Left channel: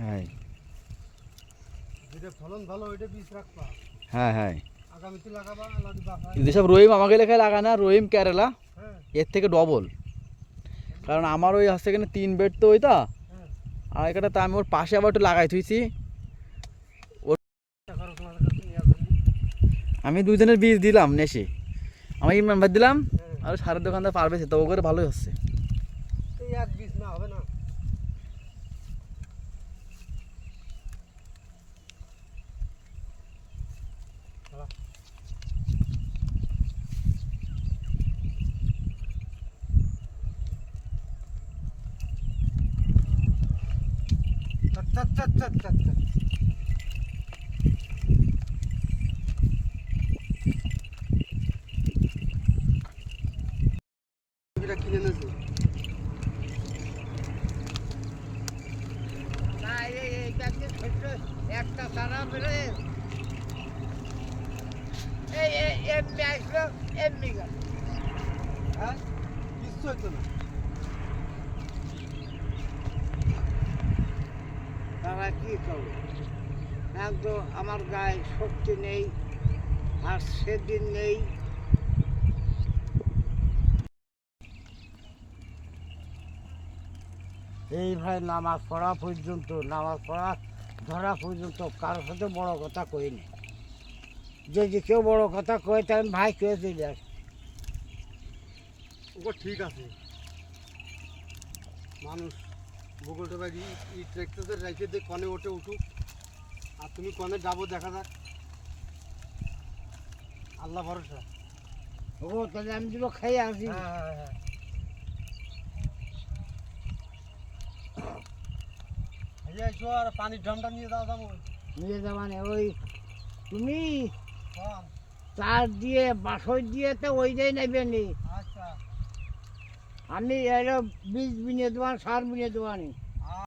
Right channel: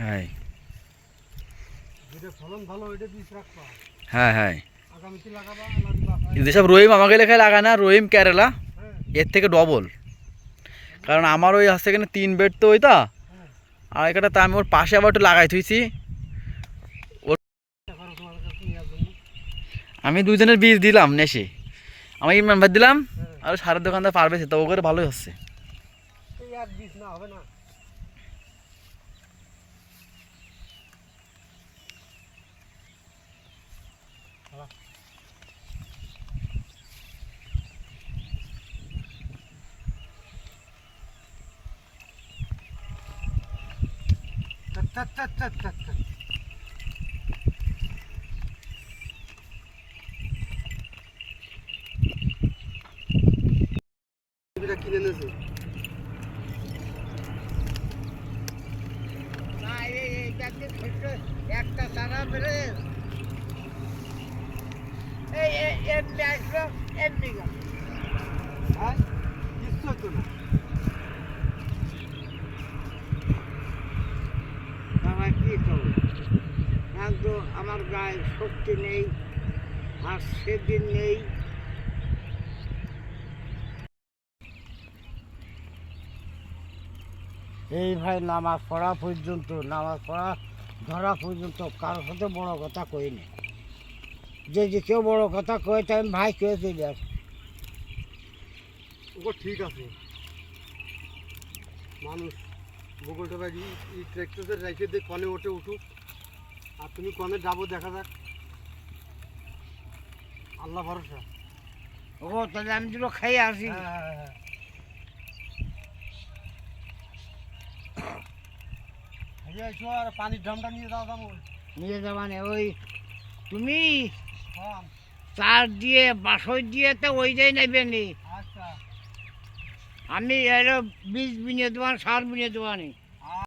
হ্যাঁ হ্যাঁ হ্যাঁ যেসব রহিম আমাকে লেখায় লাগায় না, রহিম কেরালা এর থেকে ডবল। কারণ আমার ওই হচ্ছে এখানে 3 বেড তো ওইটা, আর এখানে তা আমি ওর পাশে আবার একটু লাগাই থুইছি। আমি 2 জনের বীজ দিলাম নেশে, আমি ইমরান ভাই দিলাম আর সারের দোকানদার পারবে, তো ও করে ভালোই হচ্ছে। একটা সারা বেড়ে এমনি আসলো এমনি গেল। হ্যাঁ কিছু হতো না, তারা কি করবে? তো আমার গায়ে শক্তি নেই, আর সেদিন নেই। এই ভাই নামাজ পড়া পর্যন্ত, নামাজ পড়া ধরা পর্যন্ত কারোর সাথে বড় কথা কই না। যে কেউ বড় কথা কয়ে তাই ভাই কে দিলে ও ঠিক আছে, মানুষ বগলটা বাজি ট্র্যাক্টরদের রেখে দিয়ে কনে ওঠে উঠুক, আর তুমি কনে যাবো দেখা যাক, আল্লাহ ভরসা। ও তাহলে আমি দুটো খেয়ে আসি। খাইয়ে এসো আর পানির ড্রামটা নিয়ে যাও দাম নিয়ে যাবানে ওই তুমি চার দিয়ে বাসই দিয়ে তো ওইটাই নেবে নি। আচ্ছা আমি এর বীজ বিনিয়ে দেবান, সার বিনিয়ে দেবানি।